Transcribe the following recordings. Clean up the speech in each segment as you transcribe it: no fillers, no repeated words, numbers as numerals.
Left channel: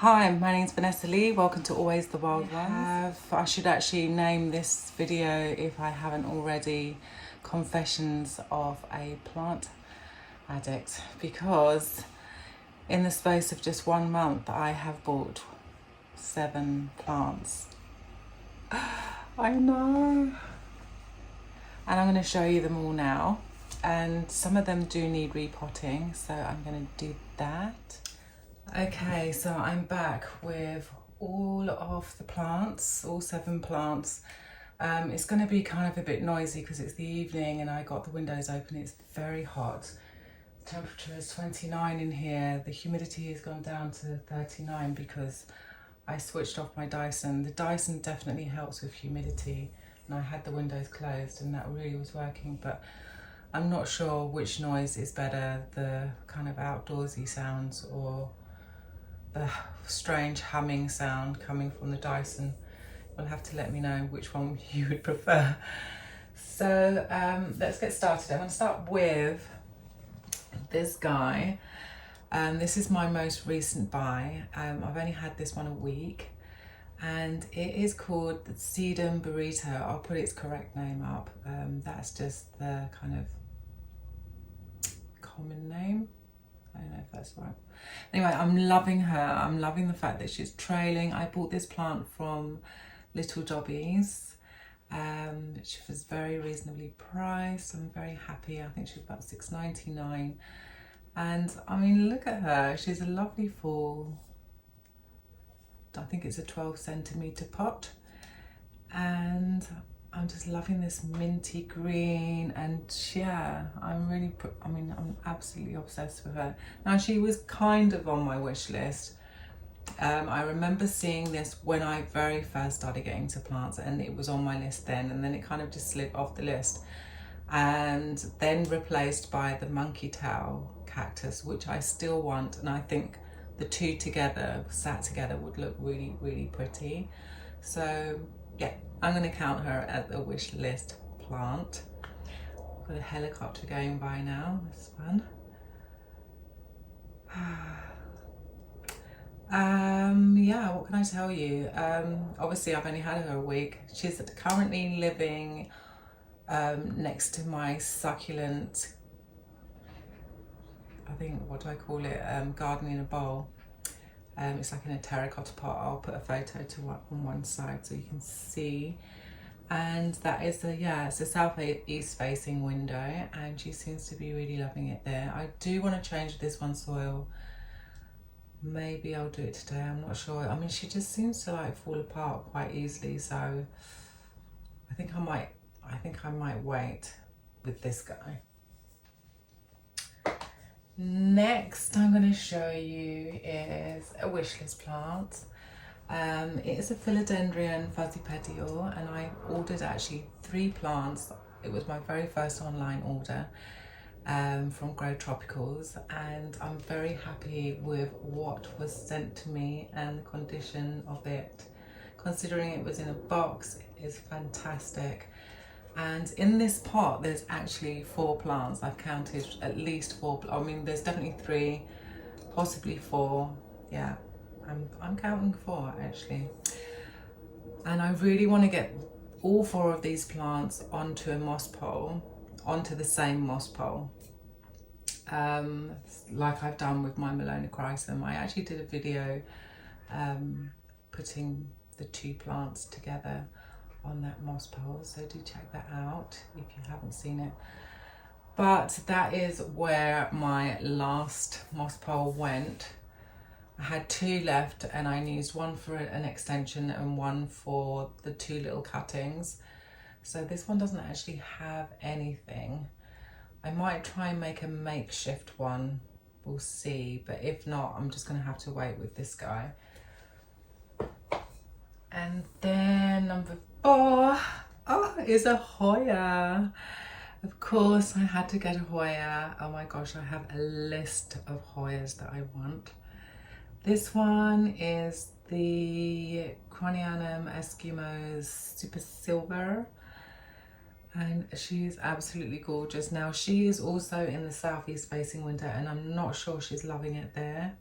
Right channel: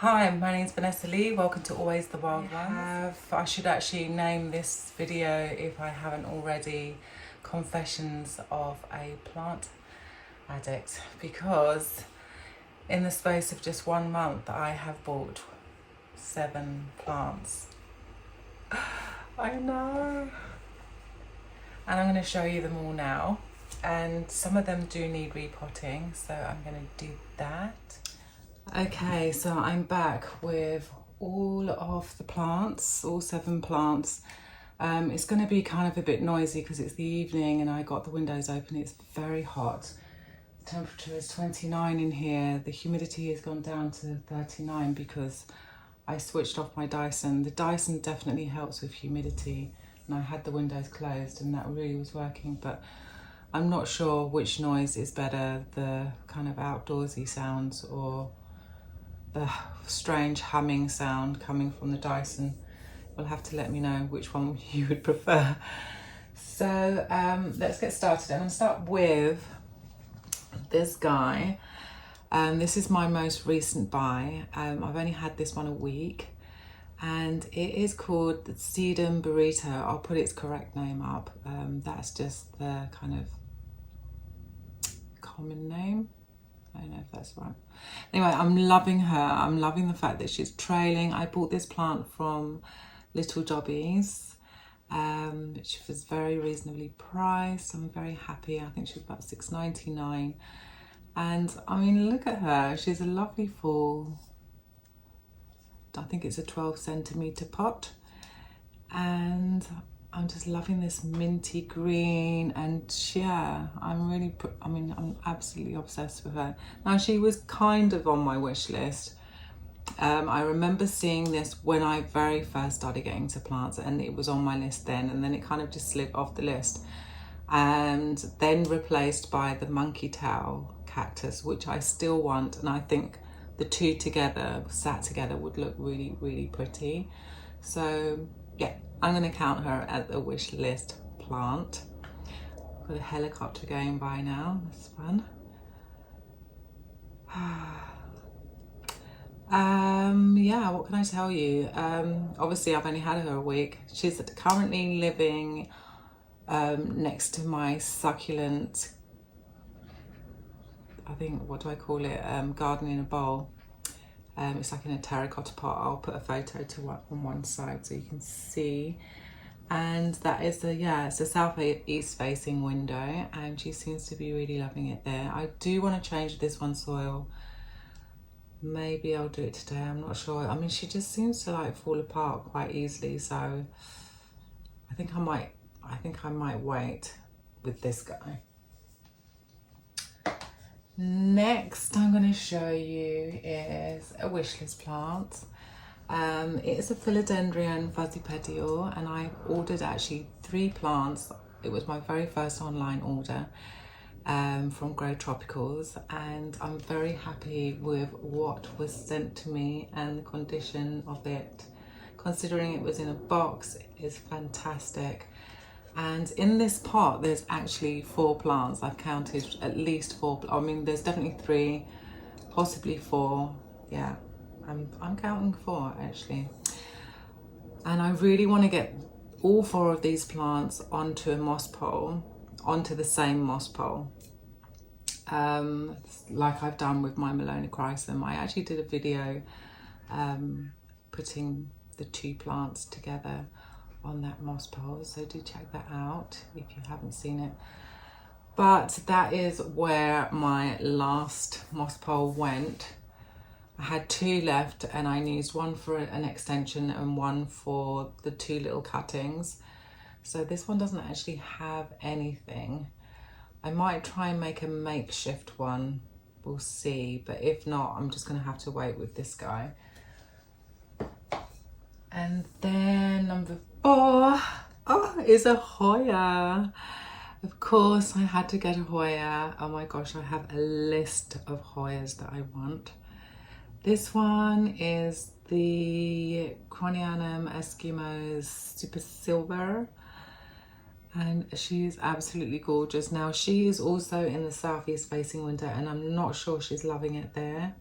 Hi, my name's Vanessa Lee. Welcome to Always the Wild Ones. I should actually name this video, if I haven't already, Confessions of a Plant Addict, because in the space of just 1 month I have bought 7 plants. I know. And I'm going to show you them all now, and some of them do need repotting, so I'm going to do that. Okay, so I'm back with all of the plants, all 7 plants. It's going to be kind of a bit noisy because it's the evening and I got the windows open. It's very hot. The temperature is 29 in here. The humidity has gone down to 39 because I switched off my Dyson. The Dyson definitely helps with humidity, and I had the windows closed and that really was working, but I'm not sure which noise is better, the kind of outdoorsy sounds or the strange humming sound coming from the Dyson. You'll have to let me know which one you would prefer. So let's get started. I'm going to start with this guy. This is my most recent buy. I've only had this one a week, and it is called the Sedum Burrito. I'll put its correct name up. That's just the kind of common name. I don't know if that's right. Anyway, I'm loving her. I'm loving the fact that she's trailing. I bought this plant from Little Jobbies, which was very reasonably priced. I'm very happy. I think she's about $6.99. And I mean, look at her. She's a lovely full, I think it's a 12 centimeter pot. And I'm just loving this minty green, and yeah, I'm absolutely obsessed with her. Now, she was kind of on my wish list. I remember seeing this when I very first started getting to plants, and it was on my list then, and then it kind of just slid off the list, and then replaced by the monkey tail cactus, which I still want, and I think the two together, sat together, would look really, really pretty. So yeah, I'm going to count her as a wish list plant. Got a helicopter going by now. It's fun. Yeah, what can I tell you? Obviously, I've only had her a week. She's currently living next to my succulent, I think, what do I call it? Garden in a bowl. It's like in a terracotta pot. I'll put a photo on one side so you can see. And that is it's a southeast facing window, and she seems to be really loving it there. I do want to change this one's soil. Maybe I'll do it today, I'm not sure. I mean, she just seems to like fall apart quite easily, so I think I might wait with this guy. Next I'm going to show you is a wishlist plant. It is a philodendron fuzzy petiole, and I ordered actually 3 plants. It was my very first online order from Grow Tropicals, and I'm very happy with what was sent to me and the condition of it. Considering it was in a box, it is fantastic. And in this pot, there's actually 4 plants. I've counted at least 4. I mean, there's definitely 3, possibly 4. Yeah, I'm counting 4 actually. And I really want to get all 4 of these plants onto a moss pole, onto the same moss pole, like I've done with my Melanochrysum. I actually did a video putting the 2 plants together on that moss pole, so do check that out if you haven't seen it. But that is where my last moss pole went. I had 2 left, and I used one for an extension and one for the 2 little cuttings. So this one doesn't actually have anything. I might try and make a makeshift one, we'll see, but if not, I'm just going to have to wait with this guy. And then number 4 is a Hoya. Of course, I had to get a Hoya. Oh my gosh, I have a list of Hoyas that I want. This one is the Cronianum Eskimos Super Silver, and she's absolutely gorgeous. Now, she is also in the southeast facing window, and I'm not sure she's loving it there.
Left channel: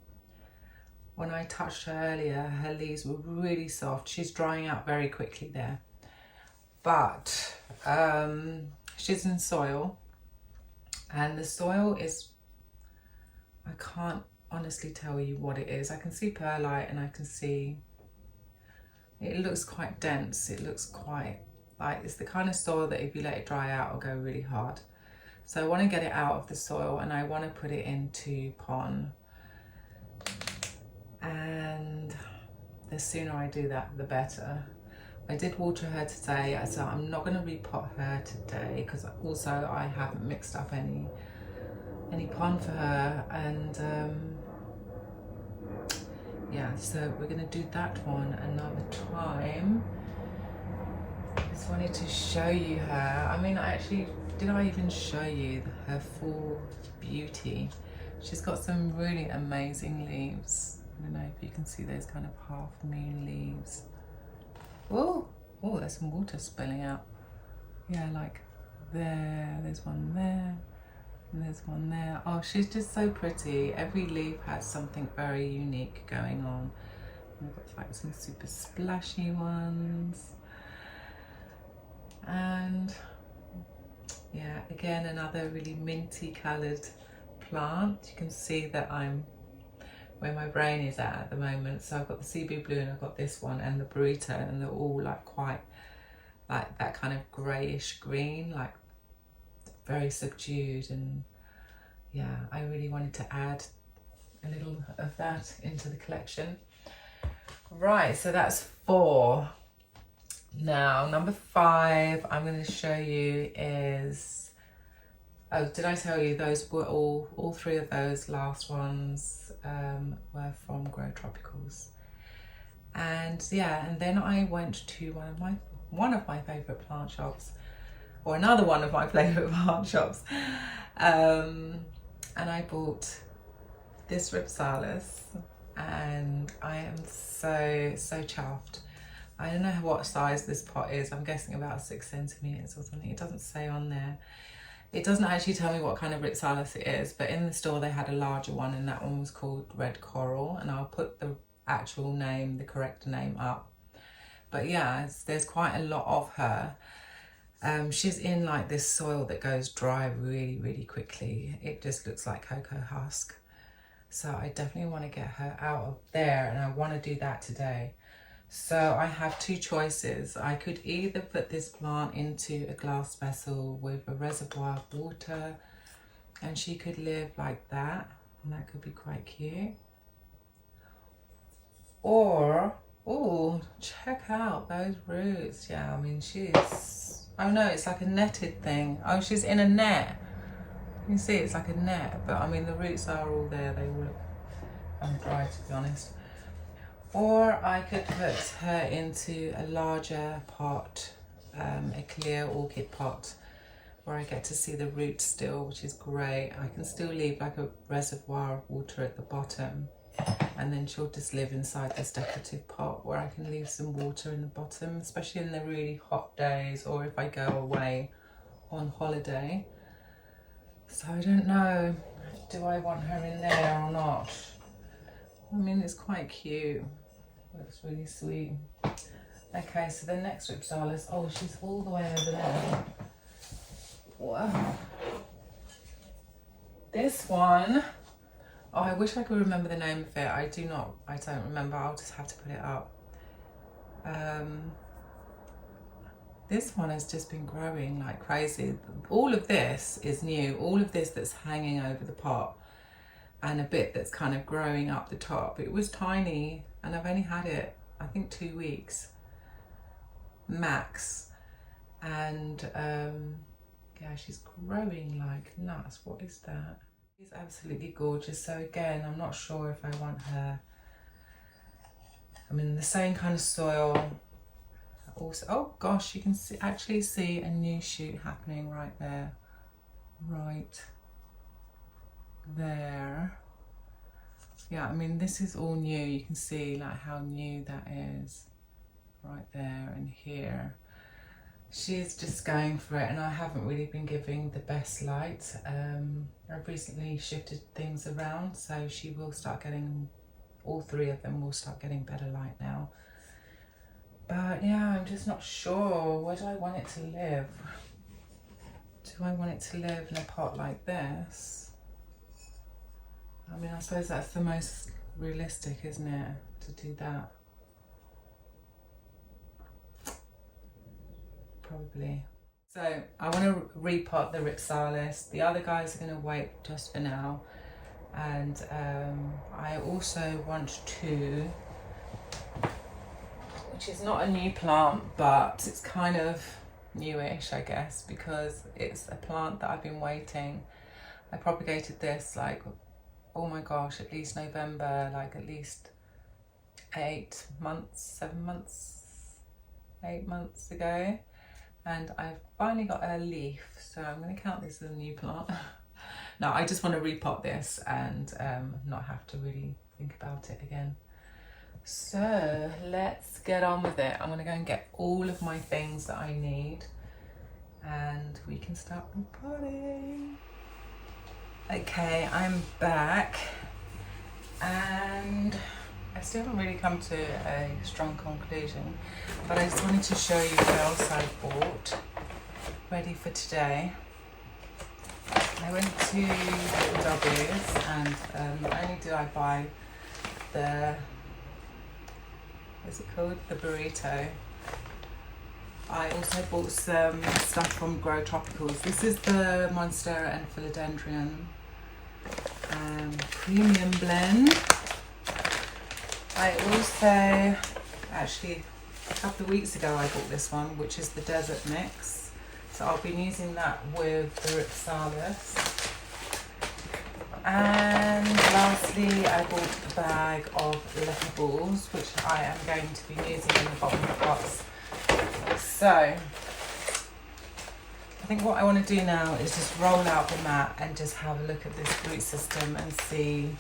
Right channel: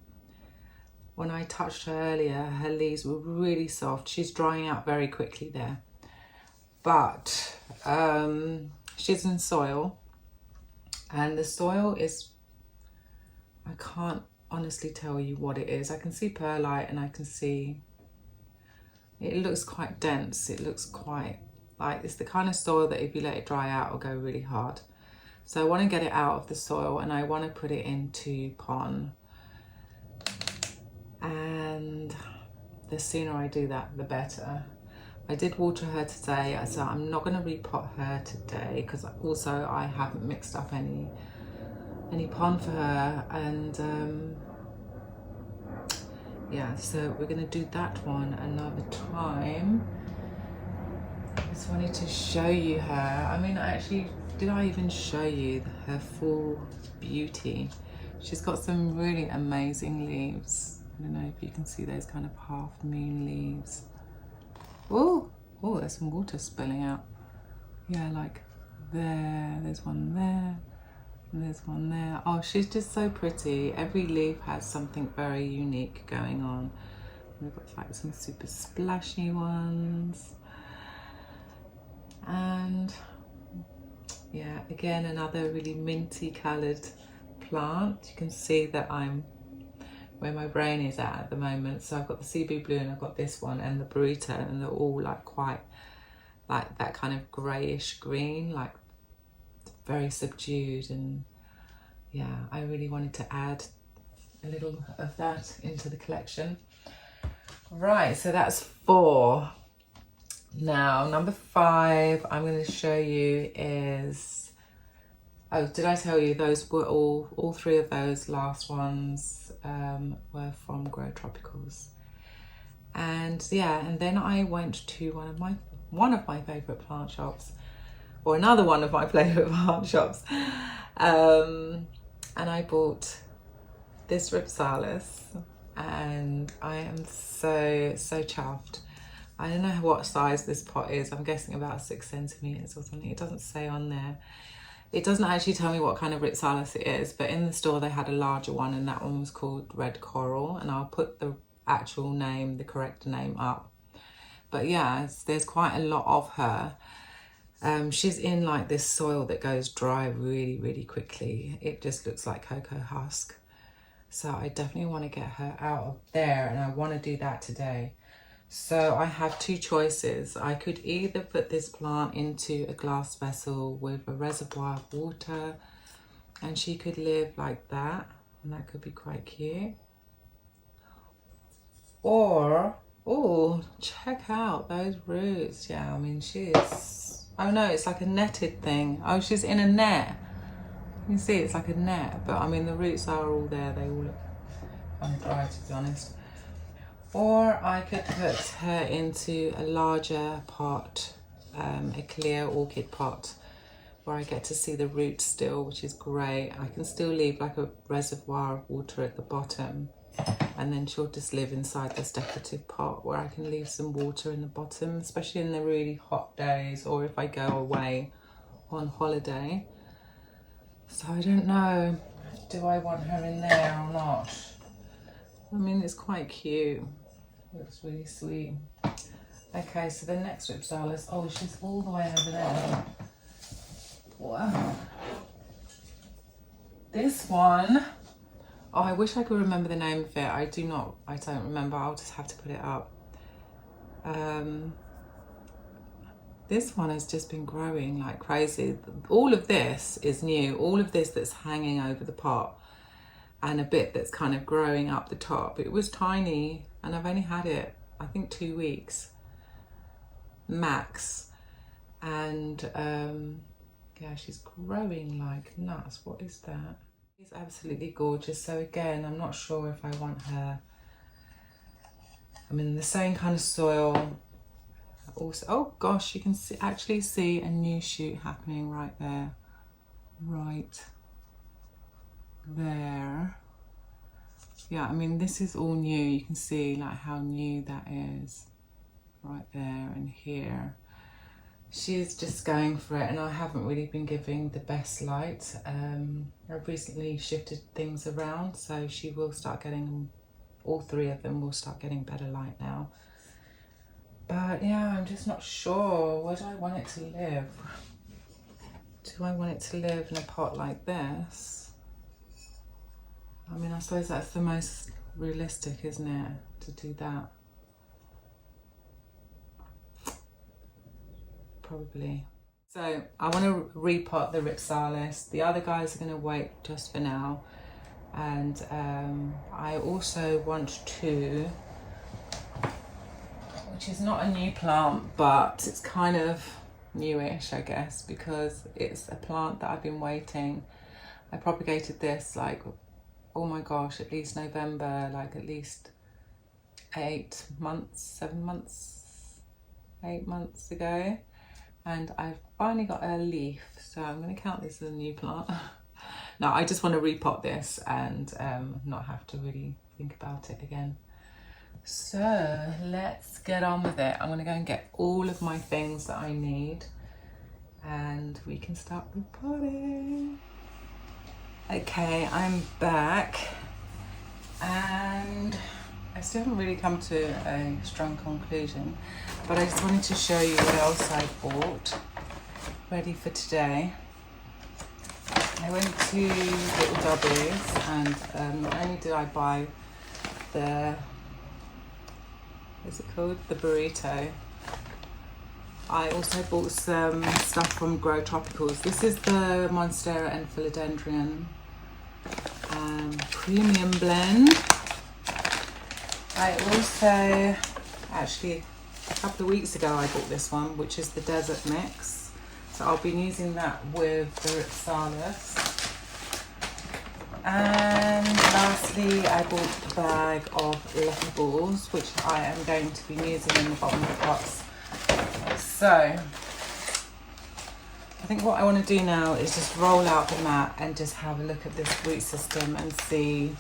when I touched her earlier, her leaves were really soft. She's drying out very quickly there. But she's in soil, and the soil is, I can't honestly tell you what it is. I can see perlite, and I can see, it looks quite dense. It looks quite like, it's the kind of soil that if you let it dry out, it'll go really hard. So I want to get it out of the soil, and I want to put it into pon. And the sooner I do that, the better. I did water her today, so I'm not going to repot her today, because also I haven't mixed up any pon for her. And yeah, so we're going to do that one another time. I just wanted to show you her. I mean, did I even show you her full beauty? She's got some really amazing leaves. I don't know if you can see those kind of half moon leaves. Oh, there's some water spilling out. Yeah, like there, there's one there, and there's one there. Oh, she's just so pretty. Every leaf has something very unique going on. We've got like some super splashy ones. And yeah, again, another really minty coloured plant. You can see that I'm where my brain is at the moment. So I've got the CB blue, and I've got this one and the burrito, and they're all like quite like that kind of greyish green, like very subdued. And yeah, I really wanted to add a little of that into the collection. Right, so that's 4. Now, number 5 I'm going to show you is, oh, did I tell you those were all 3 of those last ones were from Grow Tropicals. And yeah, and then I went to one of my favourite plant shops, or another one of my favourite plant shops, and I bought this Ripsalis, and I am so chuffed. I don't know what size this pot is. I'm guessing about 6 centimetres or something. It doesn't say on there. It doesn't actually tell me what kind of Ripsalis it is, but in the store they had a larger one, and that one was called Red Coral, and I'll put the actual name, the correct name up. But yeah, there's quite a lot of her. She's in like this soil that goes dry really quickly. It just looks like cocoa husk. So I definitely want to get her out of there, and I want to do that today. So I have 2 choices. I could either put this plant into a glass vessel with a reservoir of water, and she could live like that, and that could be quite cute. Or, oh, check out those roots. Yeah, I mean, she is, oh no, it's like a netted thing. Oh, she's in a net. You can see it's like a net, but I mean, the roots are all there. They all look undried, to be honest. Or I could put her into a larger pot, a clear orchid pot, where I get to see the roots still, which is great. I can still leave like a reservoir of water at the bottom, and then she'll just live inside this decorative pot where I can leave some water in the bottom, especially in the really hot days, or if I go away on holiday. So I don't know, do I want her in there or not? I mean, it's quite cute. Looks really sweet. Okay, so the next Ripsalis, oh, she's all the way over there. Wow. This one, oh, I wish I could remember the name of it. I don't remember. I'll just have to put it up. This one has just been growing like crazy. All of this is new. All of this that's hanging over the pot, and a bit that's kind of growing up the top. It was tiny, and I've only had it, I think, 2 weeks max. And yeah, she's growing like nuts. What is that? She's absolutely gorgeous. So again, I'm not sure if I want her, I'm in the same kind of soil. Also, oh gosh, you can actually see a new shoot happening right there. Right there. Yeah, I mean, this is all new. You can see like how new that is right there and here. She's just going for it, and I haven't really been giving the best light. I've recently shifted things around, so she will start getting all 3 of them will start getting better light now. But yeah, I'm just not sure. Where do I want it to live? Do I want it to live in a pot like this? I mean, I suppose that's the most realistic, isn't it, to do that? Probably. So I want to repot the Ripsalis. The other guys are going to wait just for now. And I also want to, which is not a new plant, but it's kind of newish, I guess, because it's a plant that I've been waiting. I propagated this like, oh my gosh, at least November, like at least 8 months, 7 months, 8 months ago. And I've finally got a leaf, so I'm going to count this as a new plant. No, I just want to repot this and not have to really think about it again. So let's get on with it. I'm going to go and get all of my things that I need and we can start repotting. Okay, I'm back and I still haven't really come to a strong conclusion, but I just wanted to show you what else I bought ready for today. I went to Little W's and not only did I buy the, what's it called? The burrito. I also bought some stuff from Grow Tropicals. This is the Monstera and Philodendron premium blend. I also, actually a couple of weeks ago I bought this one, which is the Desert Mix. So I'll be using that with the Ripsalis. And lastly, I bought a bag of leftables, which I am going to be using in the bottom of the pots. So I think what I want to do now is just roll out the mat and just have a look at this root system and see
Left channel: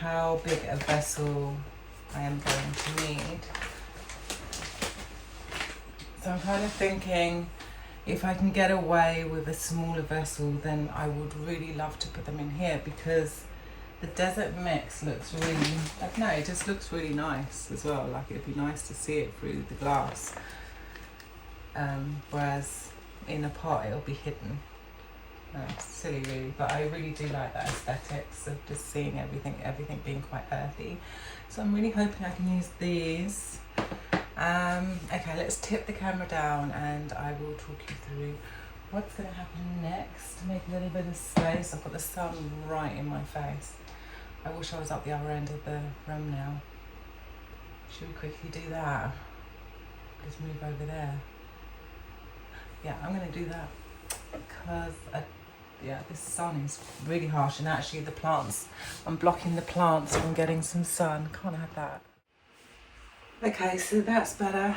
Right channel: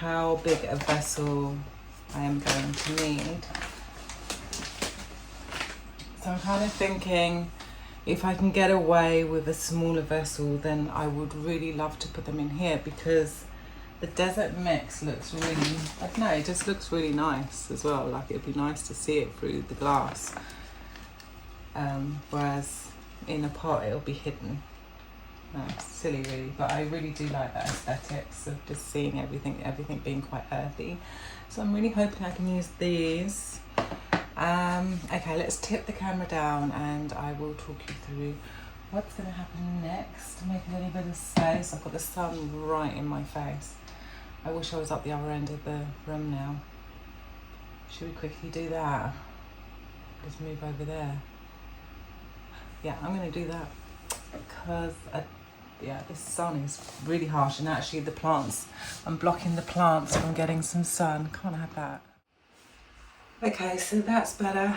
how big a vessel I am going to need. So I'm kind of thinking, if I can get away with a smaller vessel, then I would really love to put them in here, because the Desert Mix looks really, I don't know, it just looks really nice as well. Like, it'd be nice to see it through the glass. Whereas in a pot it'll be hidden. No, it's silly really, but I really do like that aesthetics of just seeing everything being quite earthy. So I'm really hoping I can use these. Okay, let's tip the camera down and I will talk you through what's going to happen next to make a little bit of space. I've got the sun right in my face. I wish I was up the other end of the room now. Should we quickly do that? Just move over there. Yeah, I'm going to do that because yeah, this sun is really harsh, and actually the plants, I'm blocking the plants from getting some sun. Can't have that. Okay, so that's better.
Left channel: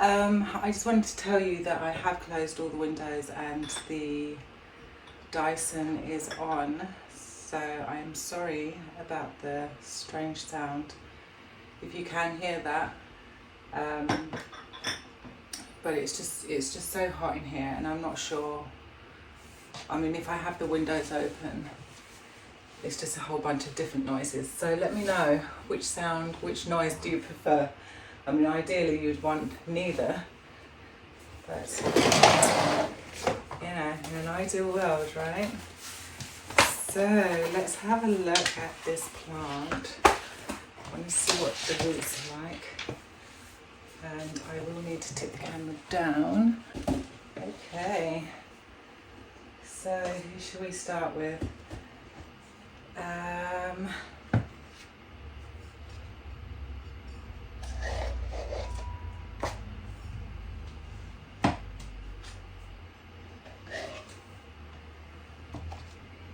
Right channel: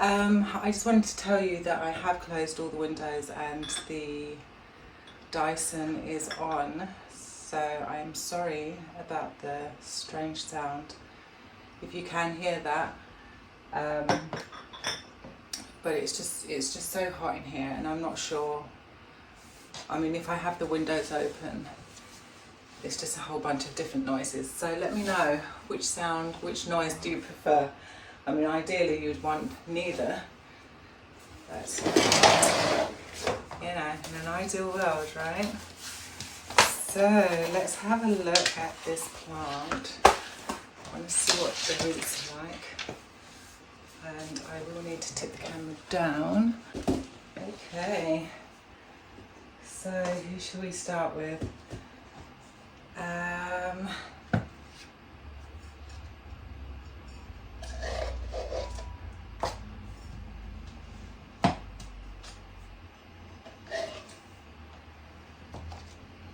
I just wanted to tell you that I have closed all the windows and the Dyson is on, so I am sorry about the strange sound if you can hear that. But it's just so hot in here, and I'm not sure. I mean, if I have the windows open, it's just a whole bunch of different noises. So let me know which noise do you prefer. I mean, ideally you'd want neither, but you know, in an ideal world, right? So let's have a look at this plant. I want to see what the roots are like. And I will need to tip the camera down. Okay. So who should we start with?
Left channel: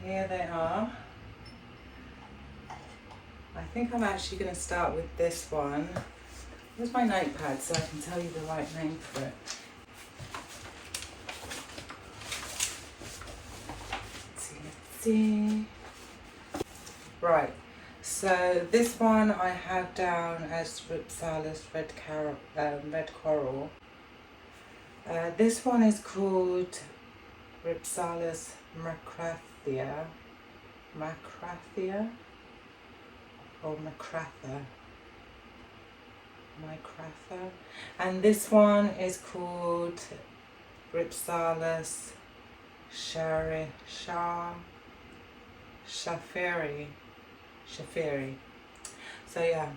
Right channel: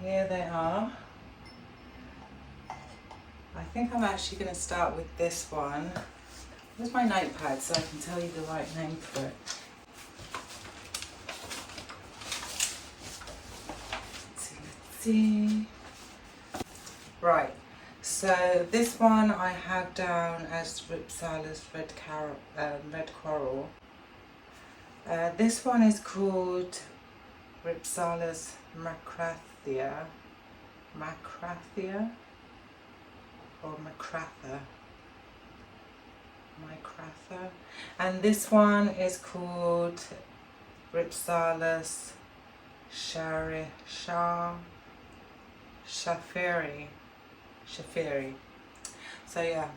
Here they are. I think I'm actually going to start with this one. Where's my notepad so I can tell you the right name for it? Let's see. Right, so this one I have down as Ripsalis red coral. This one is called Ripsalis macrathia. or Macratha. And this one is called Ripsalis Shafiri. So yeah,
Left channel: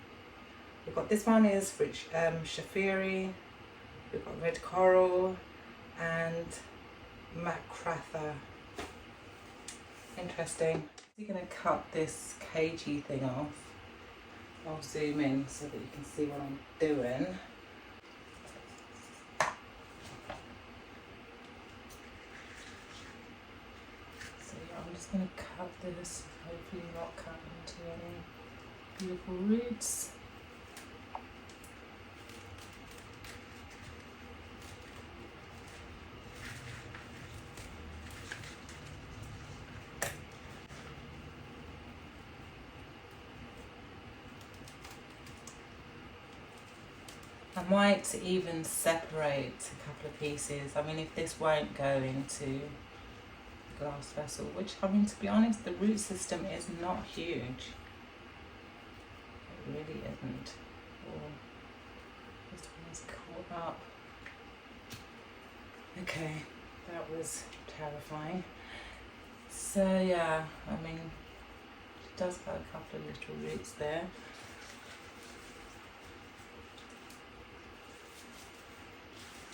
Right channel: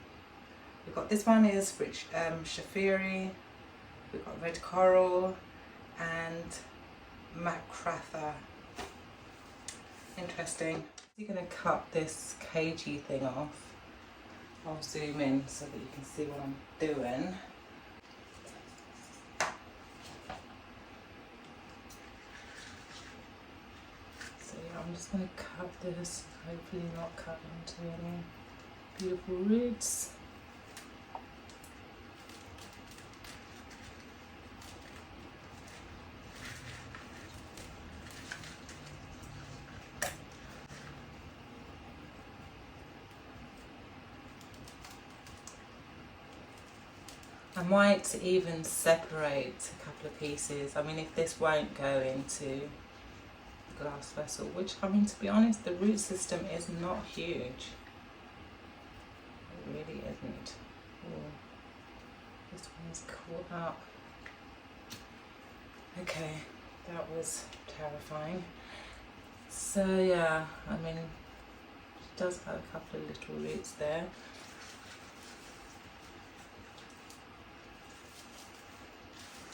we've got this one is rich Shafiri, we've got red coral and Macratha. Interesting. You're going to cut this cagey thing off. I'll zoom in so that you can see what I'm doing. So yeah, I'm just going to cut this, hopefully not cut into any beautiful roots. I might even separate a couple of pieces. I mean, if this won't go into the glass vessel, which, I mean, to be honest, the root system is not huge. It really isn't. Oh, this one's caught up. Okay, that was terrifying. So yeah, I mean, she does have a couple of little roots there.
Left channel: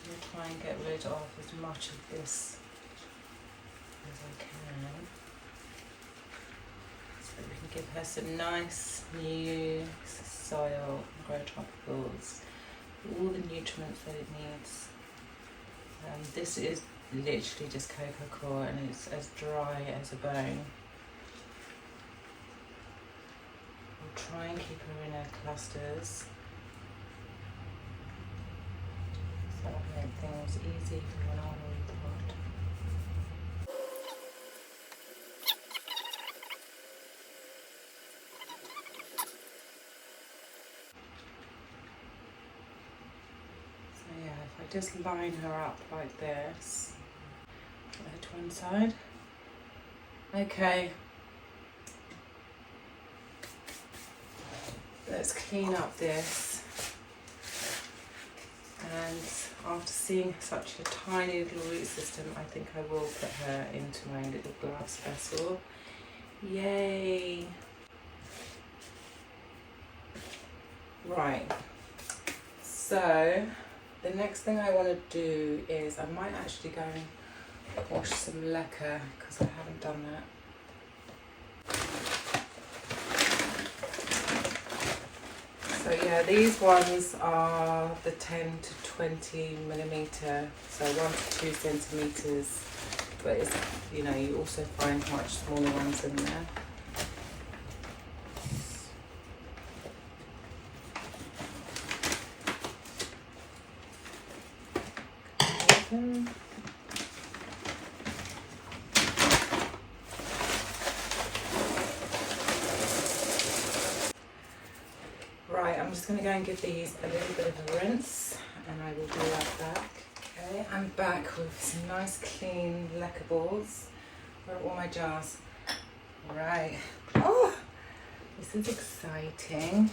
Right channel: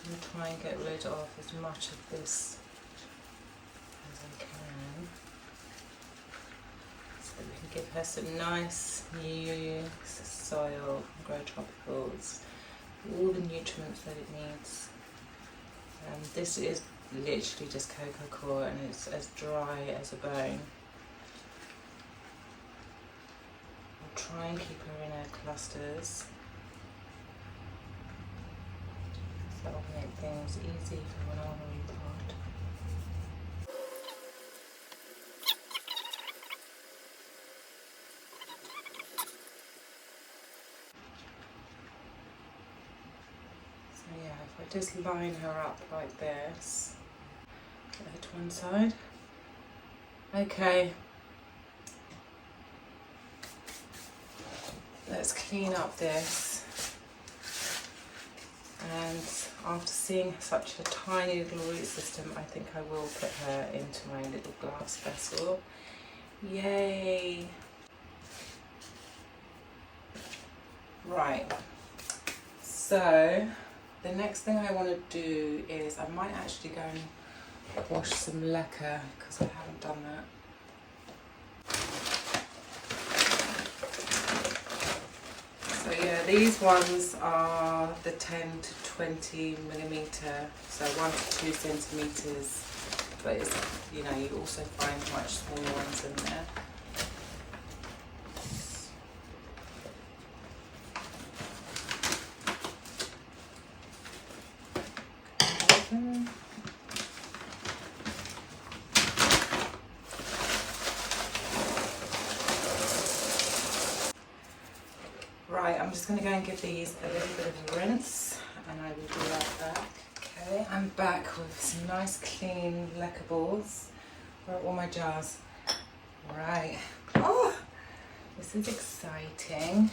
I'll try and get rid of as much of this as I can, so that we can give her some nice new soil, grow tropicals, all the nutrients that it needs. This is literally just cocoa coir and it's as dry as a bone. I'll try and keep her in her clusters. That'll make things easy for when I want to repot. So yeah, if I just line her up like this, put her to one side. Okay. Let's clean up this. And after seeing such a tiny little root system, I think I will put her into my little glass vessel. Yay! Right, so the next thing I want to do is I might actually go and wash some lacquer because I haven't done that. So yeah, these ones are the 10 to 20 millimetre, so 1 to 2 centimetres, but it's, you know, you also find much smaller ones in there. Open. Right, I'm just going to go and give these a little bit of a rinse and I will be right back. Okay, I'm back with some nice clean lacquer balls. Where are all my jars? Right. Oh, this is exciting.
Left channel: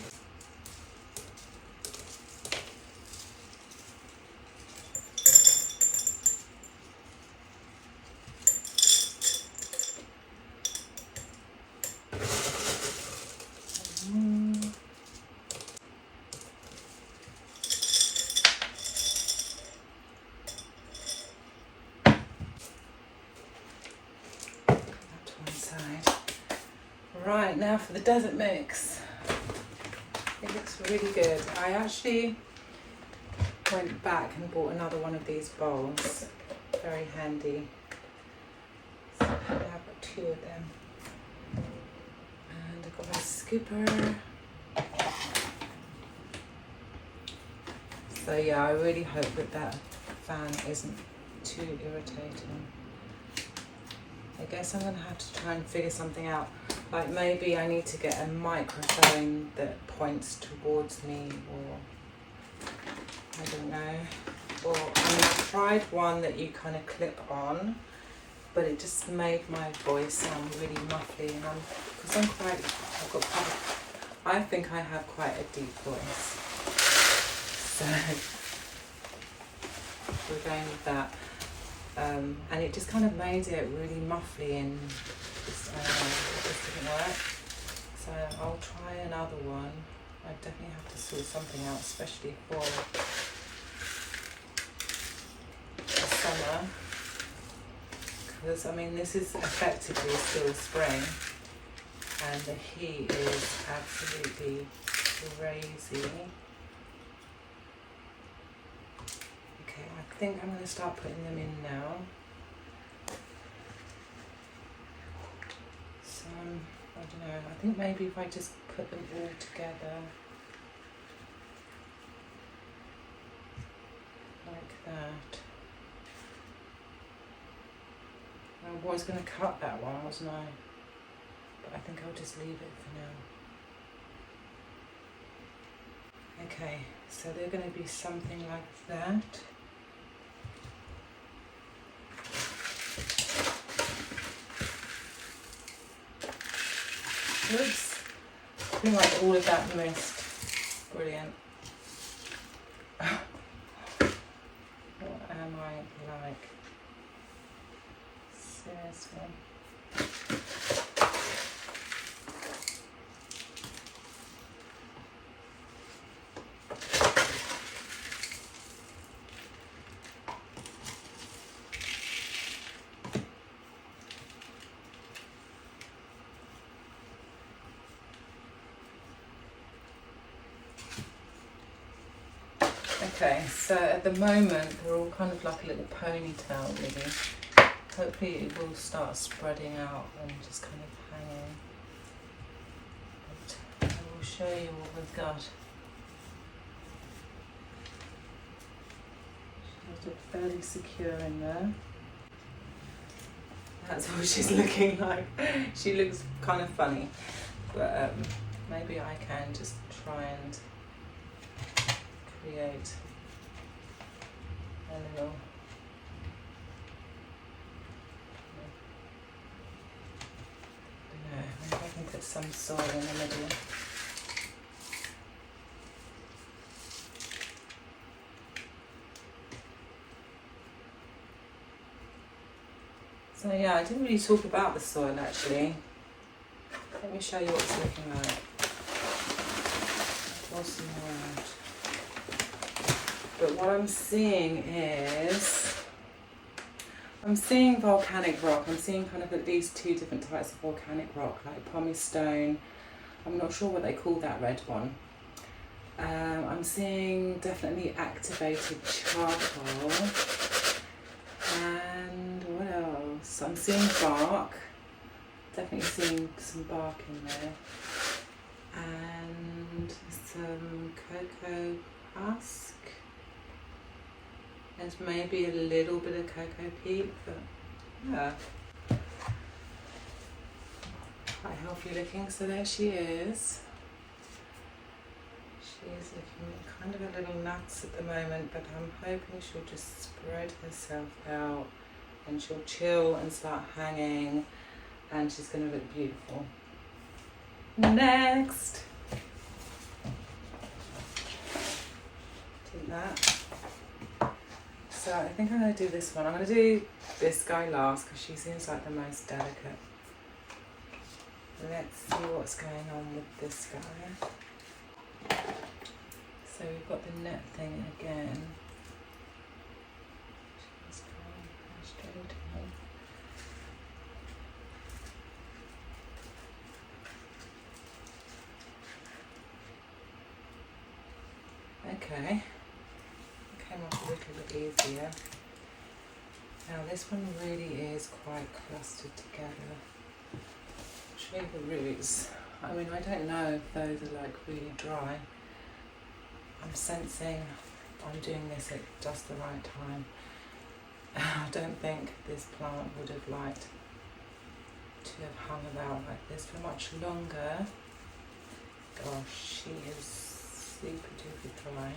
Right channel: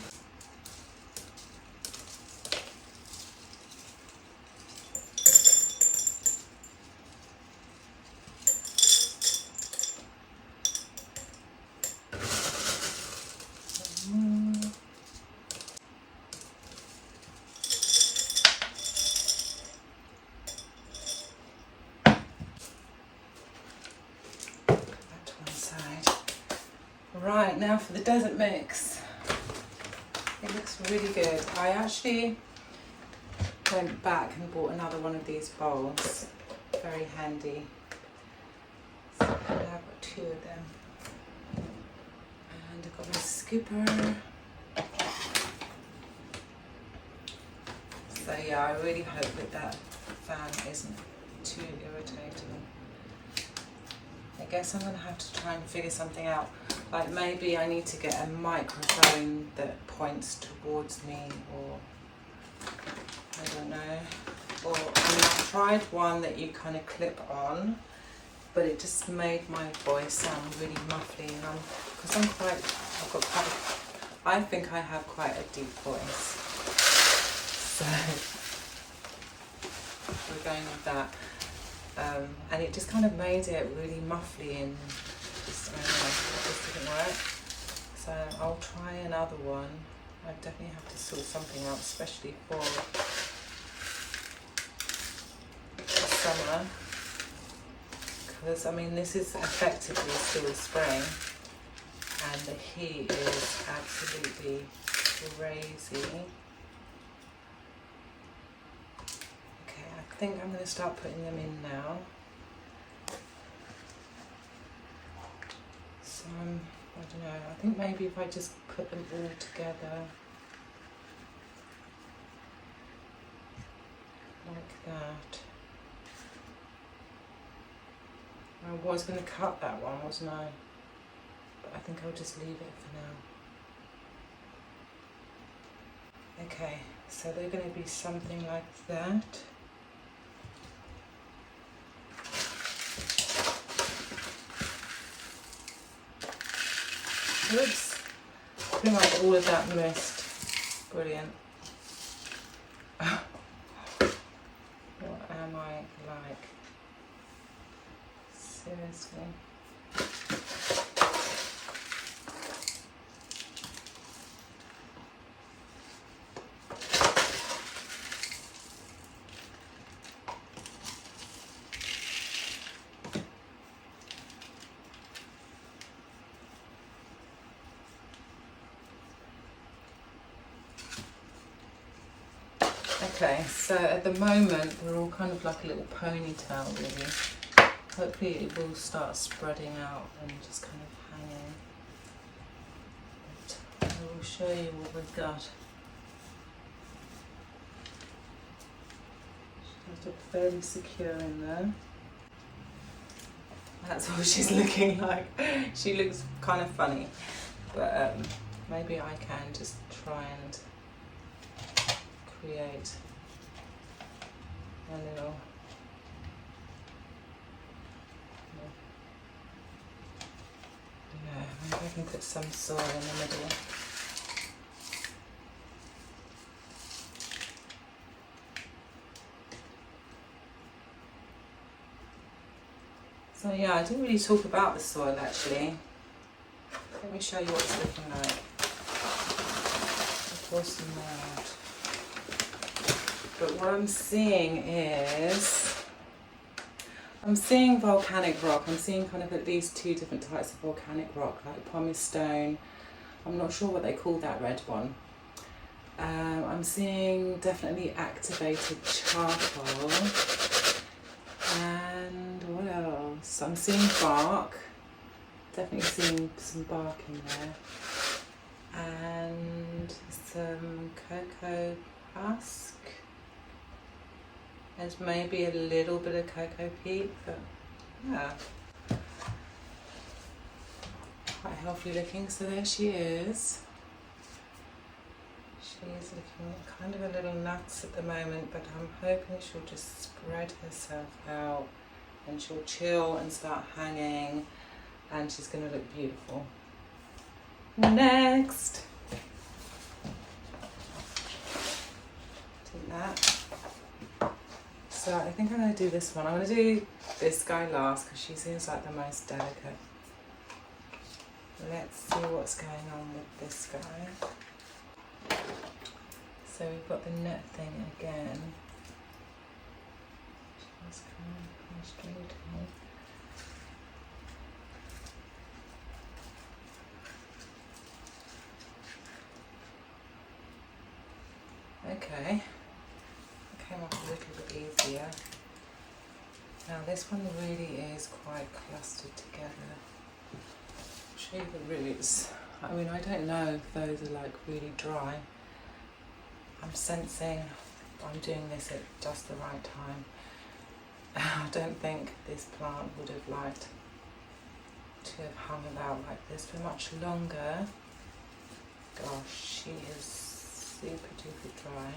Right, now for the desert mix. It looks really good. I actually went back and bought another one of these bowls. Very handy. So I've got 2 of them. And I've got my scooper. So yeah, I really hope that that fan isn't too irritating. I guess I'm going to have to try and figure something out. Like maybe I need to get a microphone that points towards me, or I don't know. Or I tried one that you kind of clip on, but it just made my voice sound really muffly. And I've got quite I think I have quite a deep voice, so we're going with that. And it just kind of made it really muffly and just, I don't know, it just didn't work. So I'll try another one. I definitely have to sort something out, especially for summer. Because, I mean, this is effectively still spring. And the heat is absolutely crazy. Okay, I think I'm going to start putting them in now. So, I don't know, I think maybe if I just put them all together like that. I was going to cut that one, wasn't I? But I think I'll just leave it for now. Okay, so they're going to be something like that. Oops, pretty much all of that missed. Brilliant. What am I like? Seriously. Okay, so at the moment they're all kind of like a little ponytail really. Hopefully it will start spreading out and just kind of hanging. But I will show you what we've got. She's got it fairly secure in there. That's what she's looking like. She looks kind of funny, but maybe I can just try and create a little maybe I can put some soil in the middle. So yeah, I didn't really talk about the soil actually. Let me show you what it's looking like. I'll pour some more out. But what I'm seeing is, I'm seeing volcanic rock. I'm seeing kind of at least two different types of volcanic rock, like pumice stone. I'm not sure what they call that red one. I'm seeing definitely activated charcoal. And what else? I'm seeing bark. Definitely seeing some bark in there. And some cocoa husk. There's maybe a little bit of cocoa peat, but yeah. Quite healthy looking, so there she is. She's looking kind of a little nuts at the moment, but I'm hoping she'll just spread herself out and she'll chill and start hanging and she's going to look beautiful. Next! Do that. So I think I'm going to do this one. I'm going to do this guy last because she seems like the most delicate. Let's see what's going on with this guy. So we've got the net thing again. She's kind of frustrating. Okay. Came off a little bit easier. Now this one really is quite clustered together. I'll show you the roots. I mean, I don't know if those are like really dry. I'm sensing I'm doing this at just the right time. I don't think this plant would have liked to have hung about like this for much longer. Gosh, she is super duper dry.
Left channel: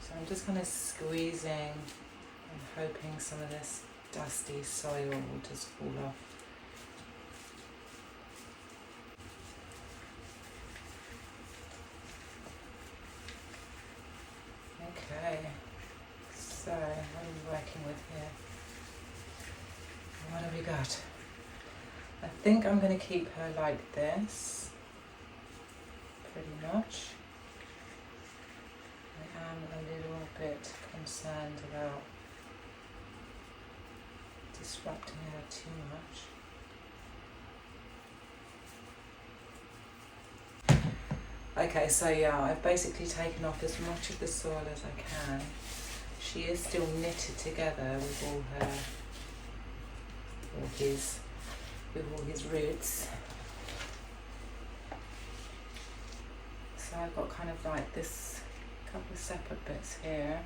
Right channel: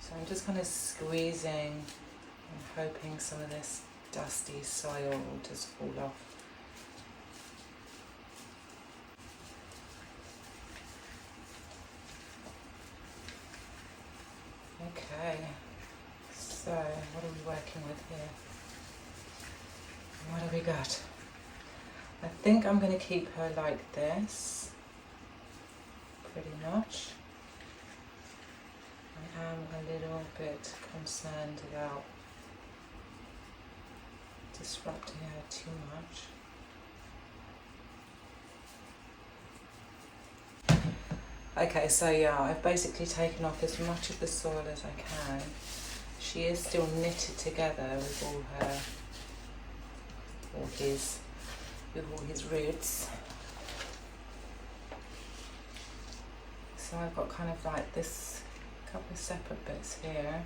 So I'm just kind of squeezing and hoping some of this dusty soil will just fall off. Okay, so what are we working with here? What have we got? I think I'm going to keep her like this, pretty much. I am a little bit concerned about disrupting her too much. Okay, so yeah, I've basically taken off as much of the soil as I can. She is still knitted together with all his roots. So I've got kind of like this couple of separate bits here,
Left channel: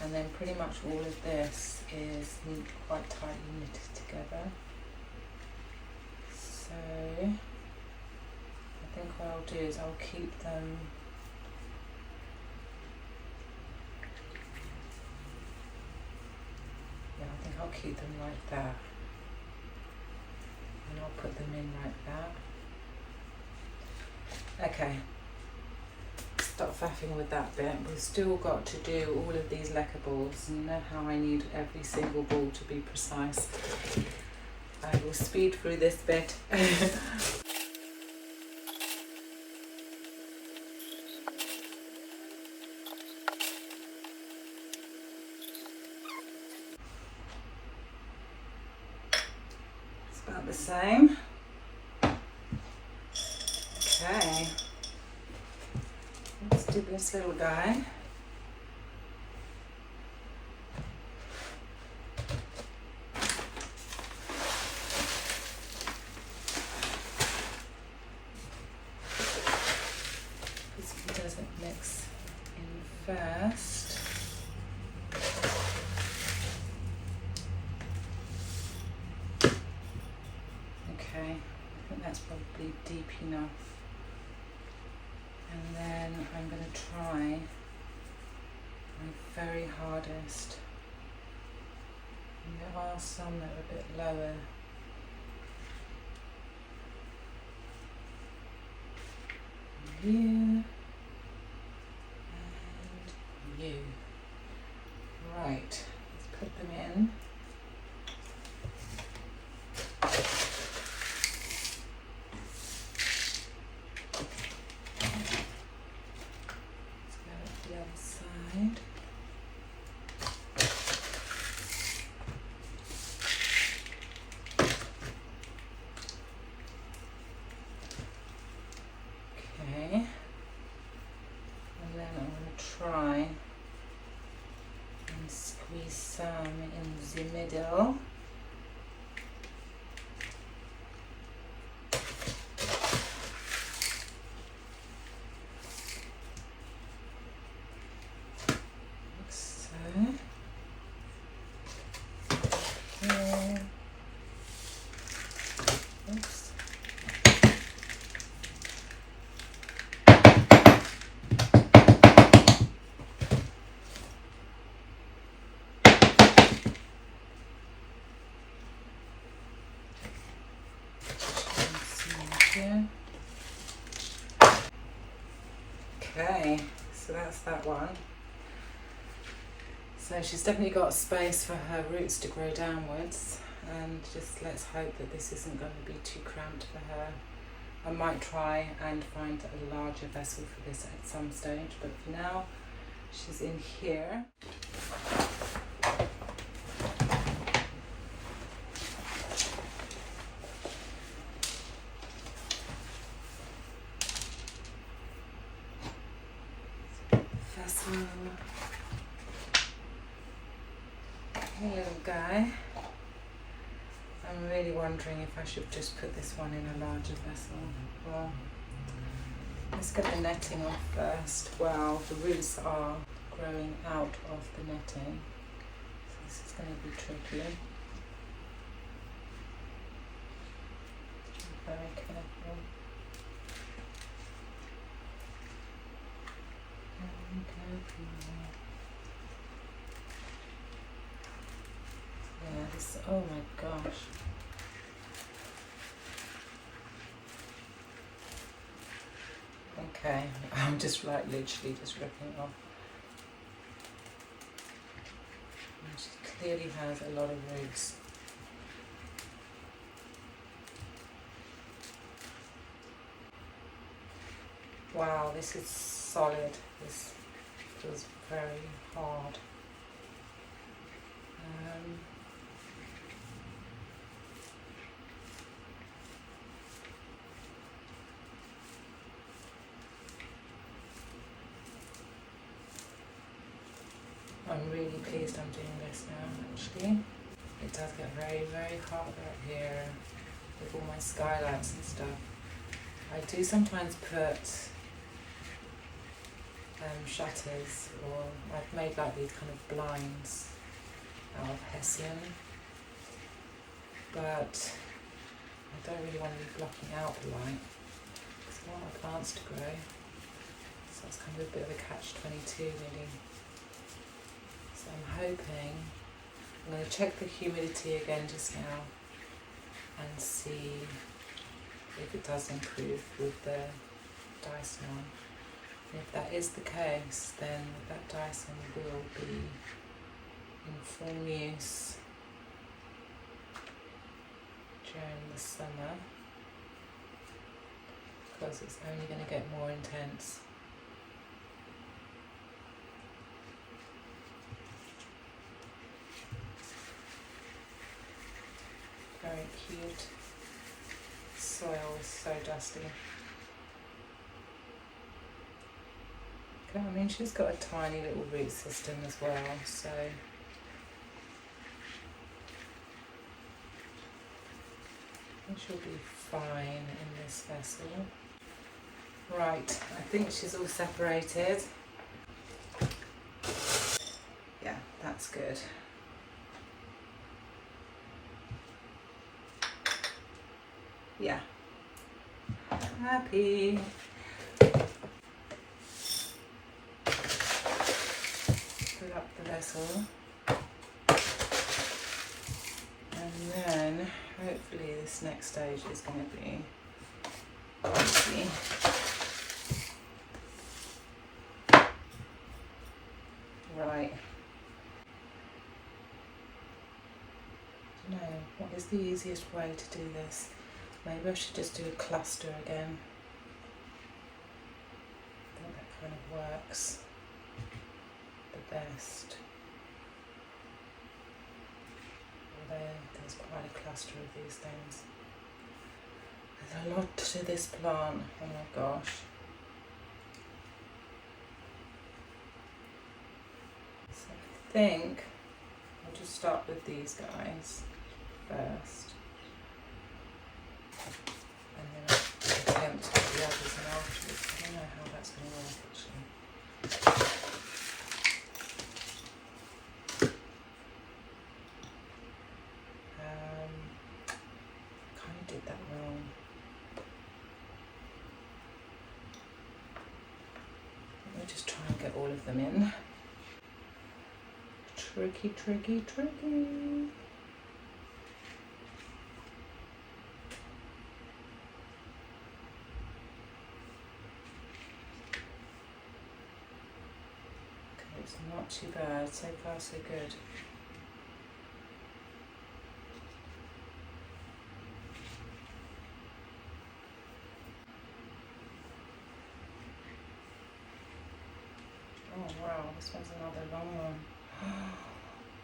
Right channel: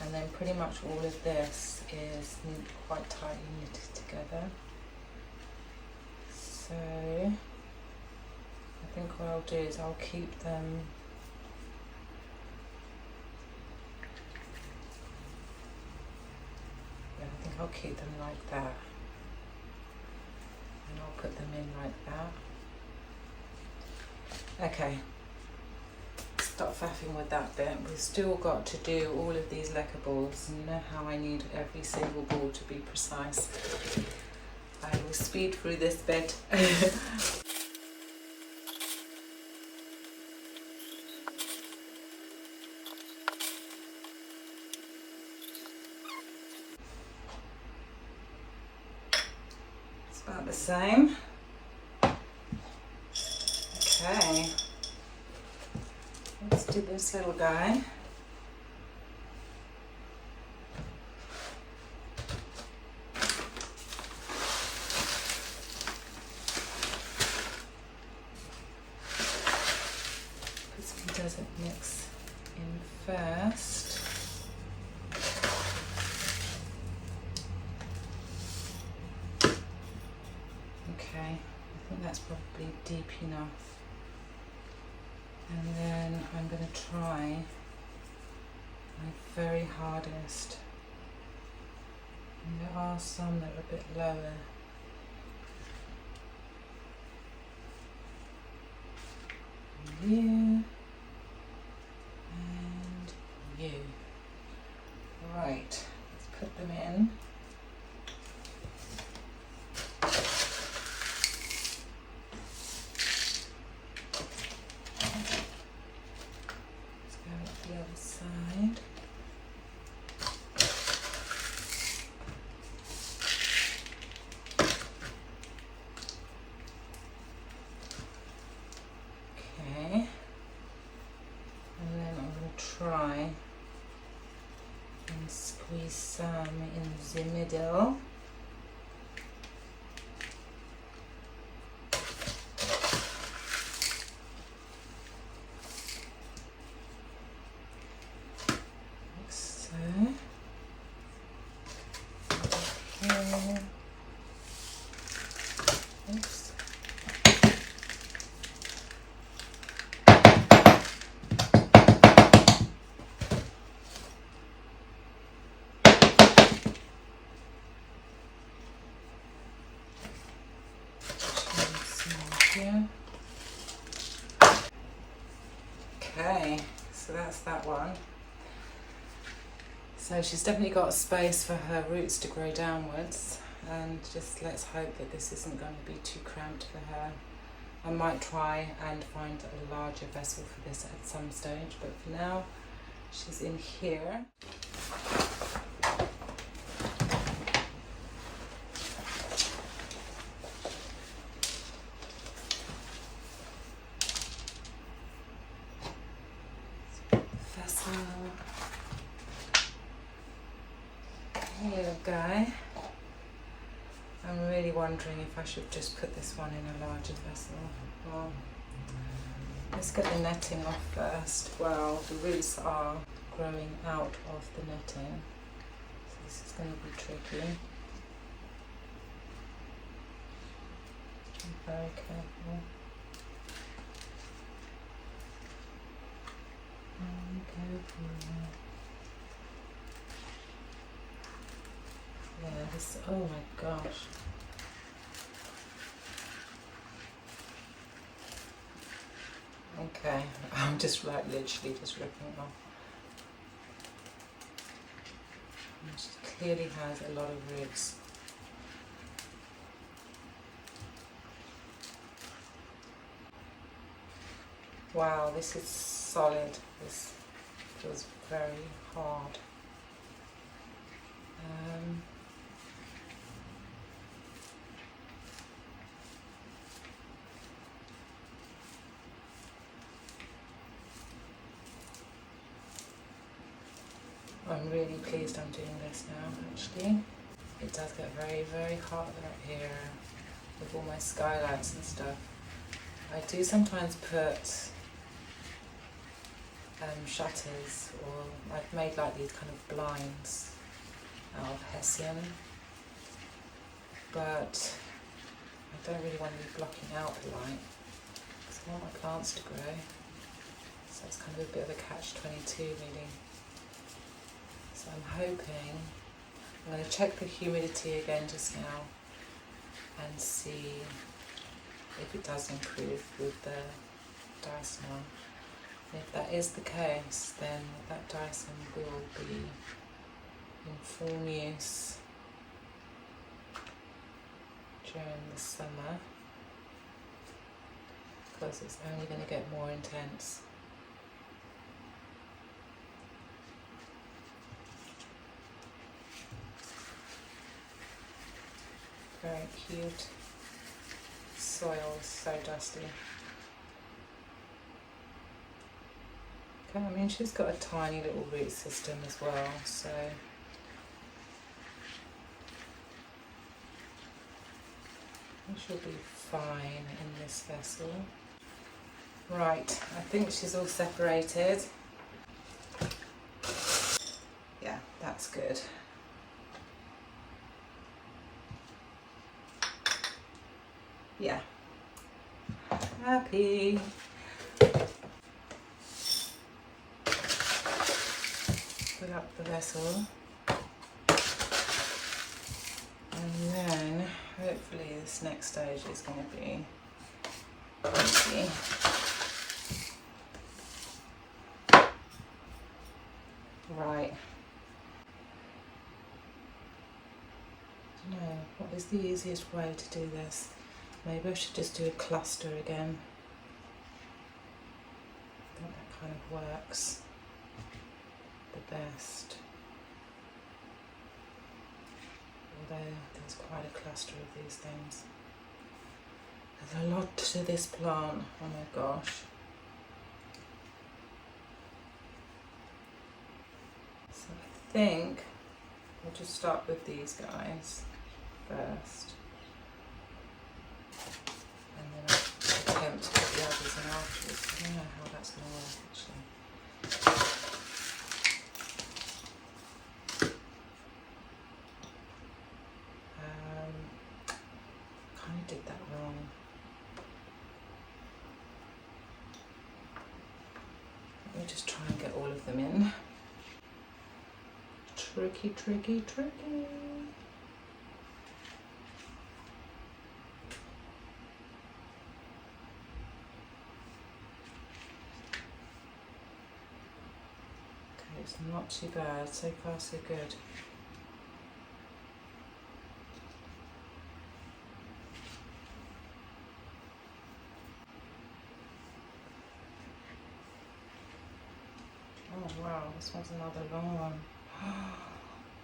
and then pretty much all of this is quite tightly knitted together. So I think what I'll do is I'll keep them I'll keep them like that, and I'll put them in like that. Okay, stop faffing with that bit. We've still got to do all of these lacquer balls, and you know how I need every single ball to be precise. I will speed through this bit. About the same. Okay, let's do this little guy. Because he doesn't mix in first. Okay, I think that's probably deep enough. And then I'm going to try my very hardest. And there are some that are a bit lower. You and you. Right, let's put them in. Try and squeeze some in the middle. Like so. Here. Oops. Here. Okay, so that's that one. So she's definitely got space for her roots to grow downwards, and just let's hope that this isn't going to be too cramped for her. I might try and find a larger vessel for this at some stage, but for now she's in here. Here we go. I'm really wondering if I should just put this one in a larger vessel. Well, let's get the netting off first. Well, the roots are growing out of the netting, so this is going to be tricky. Be very careful. Yeah, this, oh my gosh. Okay, I'm just like literally just ripping it off. She clearly has a lot of roots. Wow, this is solid. This feels very hard. I'm really pleased I'm doing this now, actually. It does get very, very hot up here with all my skylights and stuff. I do sometimes put shutters, or I've made like these kind of blinds out of hessian, but I don't really want to be blocking out the light because I want my plants to grow. So it's kind of a bit of a catch-22 really. So I'm hoping, I'm going to check the humidity again just now and see if it does improve with the Dyson on. And if that is the case, then that Dyson will be in full use during the summer, because it's only going to get more intense. Very cute. Soil is so dusty. Okay, I mean, she's got a tiny little root system as well, so she'll be fine in this vessel. Right, I think she's all separated. Yeah, that's good. Yeah, happy. Fill up the vessel, and then hopefully this next stage is going to be easy. Right. No, what is the easiest way to do this? Maybe I should just do a cluster again. I think that kind of works the best. Although there's quite a cluster of these things. There's a lot to this plant, oh my gosh. So I think I'll just start with these guys first. And then I'll attempt the others and afterwards. I don't know how that's going to work actually. Kind of did that wrong. Let me just try and get all of them in. Tricky, tricky, tricky. It's not too bad, so far so good. Oh wow, this one's another long one.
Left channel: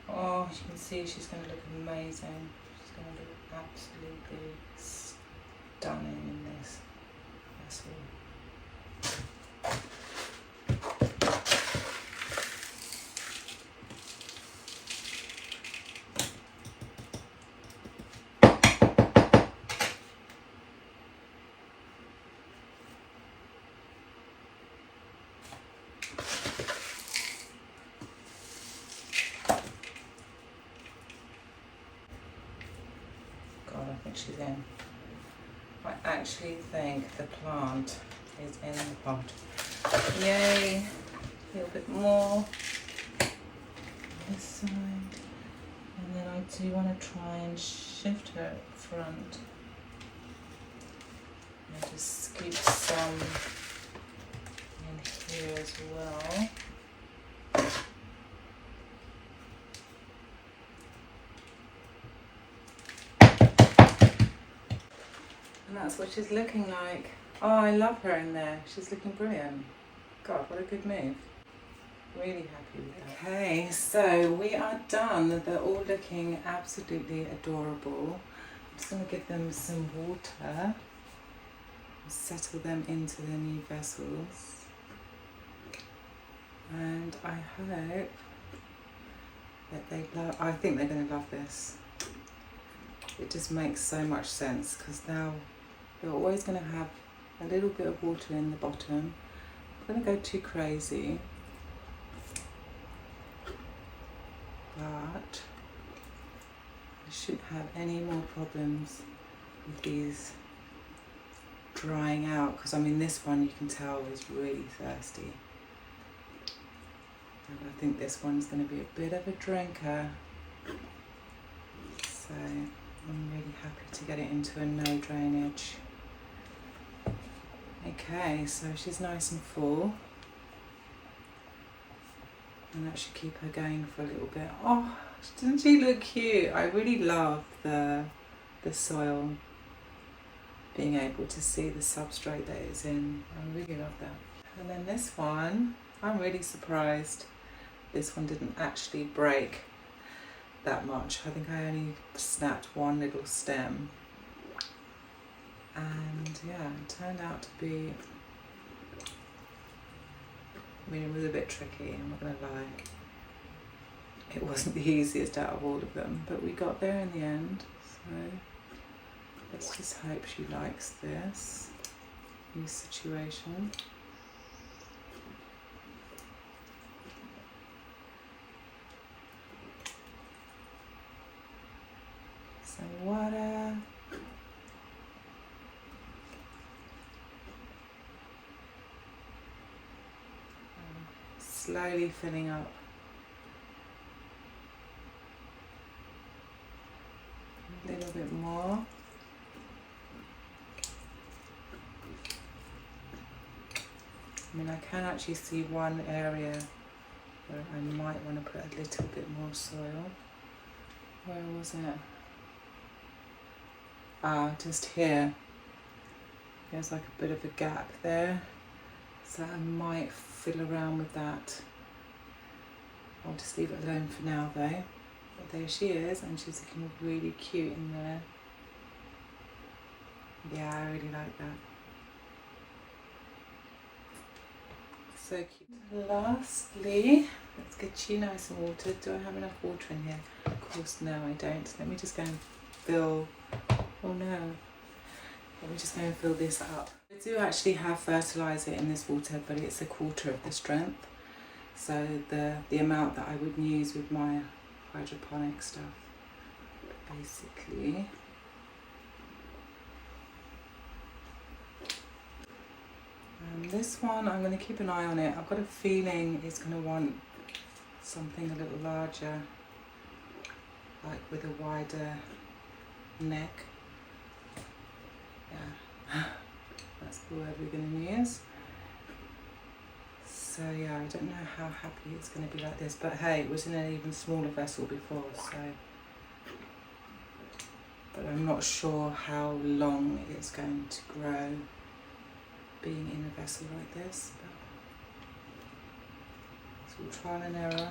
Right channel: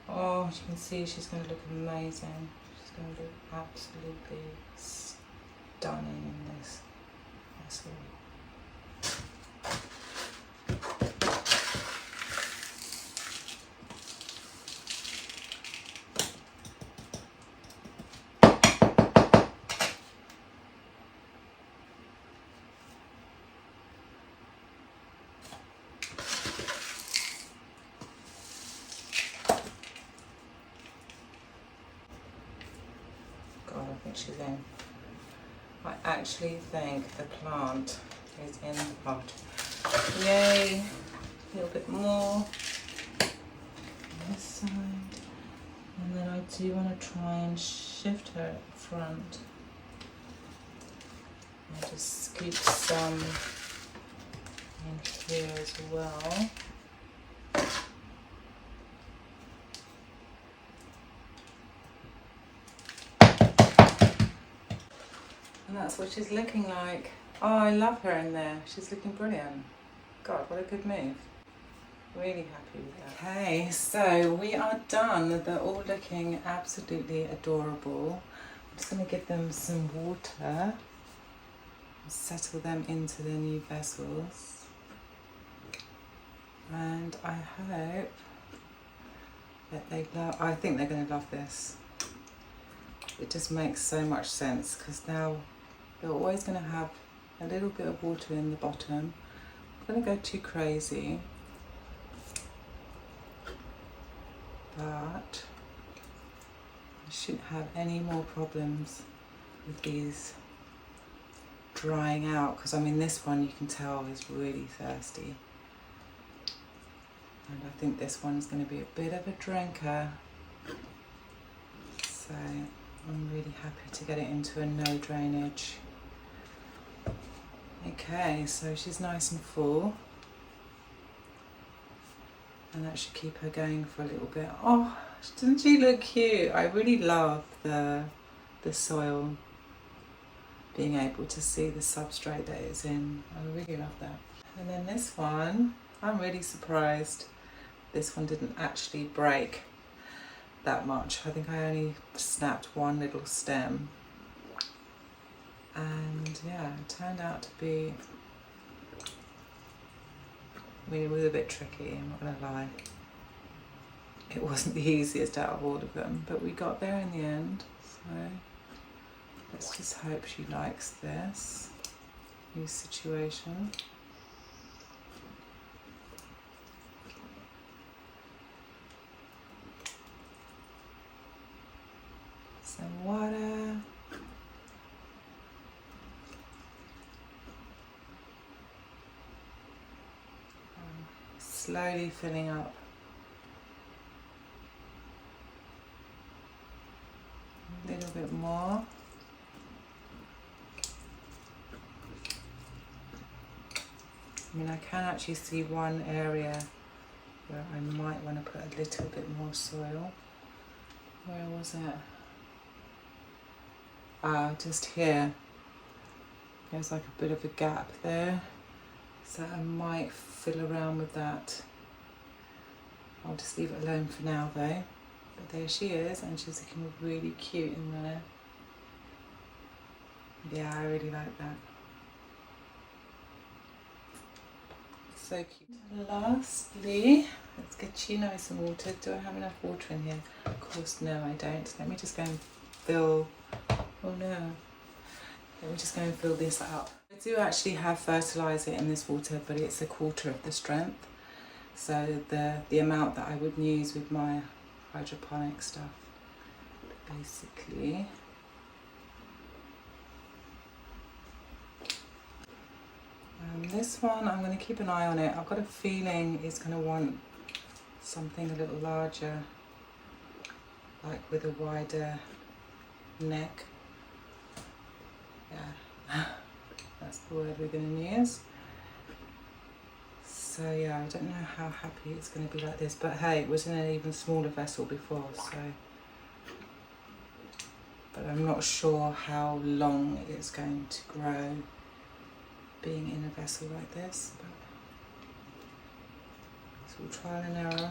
Oh, as you can see, she's going to look amazing. She's going to look absolutely stunning in this vessel. I think she's in. I actually think the plant is in the pot. Yay! A little bit more this side. And then I do want to try and shift her at front. And just scoop some in here as well. that's what she's looking like. Oh, I love her in there. She's looking brilliant. God, what a good move. Really happy with that. Okay, so we are done. They're all looking absolutely adorable. I'm just going to give them some water. Settle them into their new vessels. And I hope that they love, I think they're going to love this. It just makes so much sense because now you're always going to have a little bit of water in the bottom. I'm going to go too crazy, but I shouldn't have any more problems with these drying out, because I mean this one you can tell is really thirsty, and I think this one's going to be a bit of a drinker, so I'm really happy to get it into a no drainage. Okay, so she's nice and full, and that should keep her going for a little bit. Oh, doesn't she look cute? I really love the soil, being able to see the substrate that it's in. I really love that. And then this one, I'm really surprised this one didn't actually break that much. I think I only snapped one little stem. And yeah, it turned out to be, I mean, it was a bit tricky, I'm not gonna lie. It wasn't the easiest out of all of them, but we got there in the end. So let's just hope she likes this new situation. Some water. Slowly filling up. A little bit more. I mean, I can actually see one area where I might want to put a little bit more soil. Where was it? Ah, just here. There's like a bit of a gap there. So I might fill around with that. I'll just leave it alone for now though. But there she is, and she's looking really cute in there. Yeah, I really like that. So cute. Lastly, let's get Chino some water. Do I have enough water in here? Of course, no, I don't. Let me just go and fill. Oh no. Let me just go and fill this up. I do actually have fertilizer in this water, but it's 1/4 of the strength. So the amount that I would use with my hydroponic stuff, basically. This one, I'm going to keep an eye on it. I've got a feeling it's going to want something a little larger, like with a wider neck. Yeah, that's the word we're going to use. So yeah, I don't know how happy it's going to be like this, but hey, it was in an even smaller vessel before, so. But I'm not sure how long it's going to grow being in a vessel like this, but it's all trial and error.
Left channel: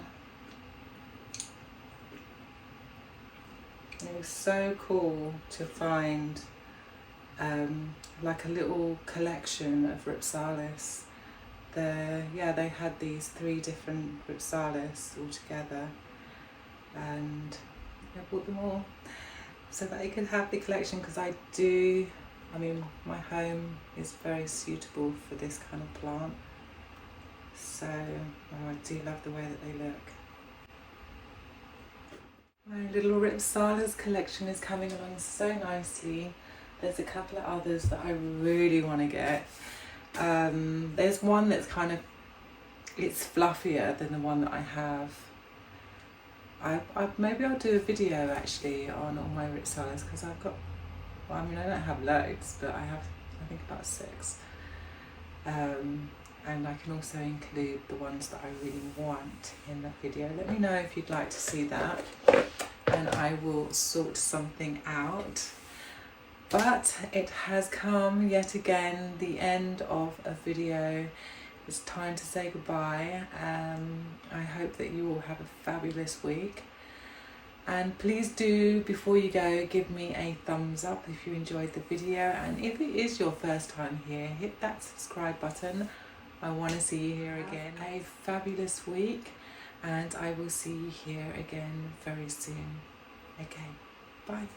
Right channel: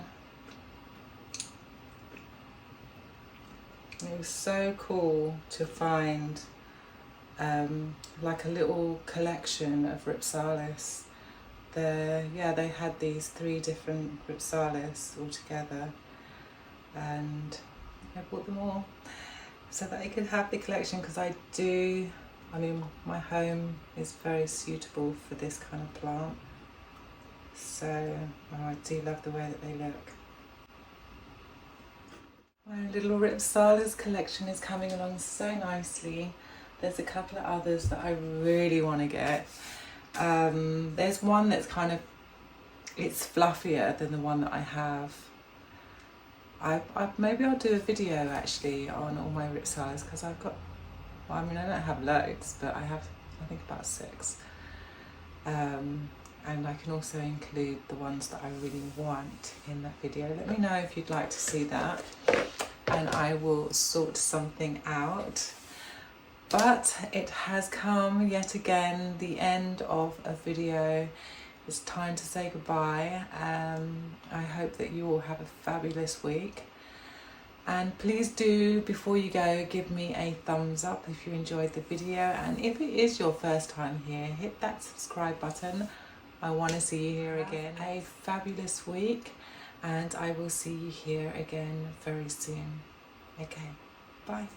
And it was so cool to find like a little collection of Ripsalis. They had these 3 different Ripsalis all together, and I bought them all so that I could have the collection, because I mean, my home is very suitable for this kind of plant, so I do love the way that they look. My little Ripsalis collection is coming along so nicely. There's a couple of others that I really want to get. There's one that's kind of, it's fluffier than the one that I have. Maybe I'll do a video actually on all my Ripsalis, because I've got, well, I mean, I don't have loads, but I have, I think, about 6. And I can also include the ones that I really want in that video. Let me know if you'd like to see that, and I will sort something out. But it has come yet again, the end of a video. It's time to say goodbye. I hope that you all have a fabulous week. And please do, before you go, give me a thumbs up if you enjoyed the video. And if it is your first time here, hit that subscribe button. I want to see you here again. A fabulous week, and I will see you here again very soon. Okay, bye.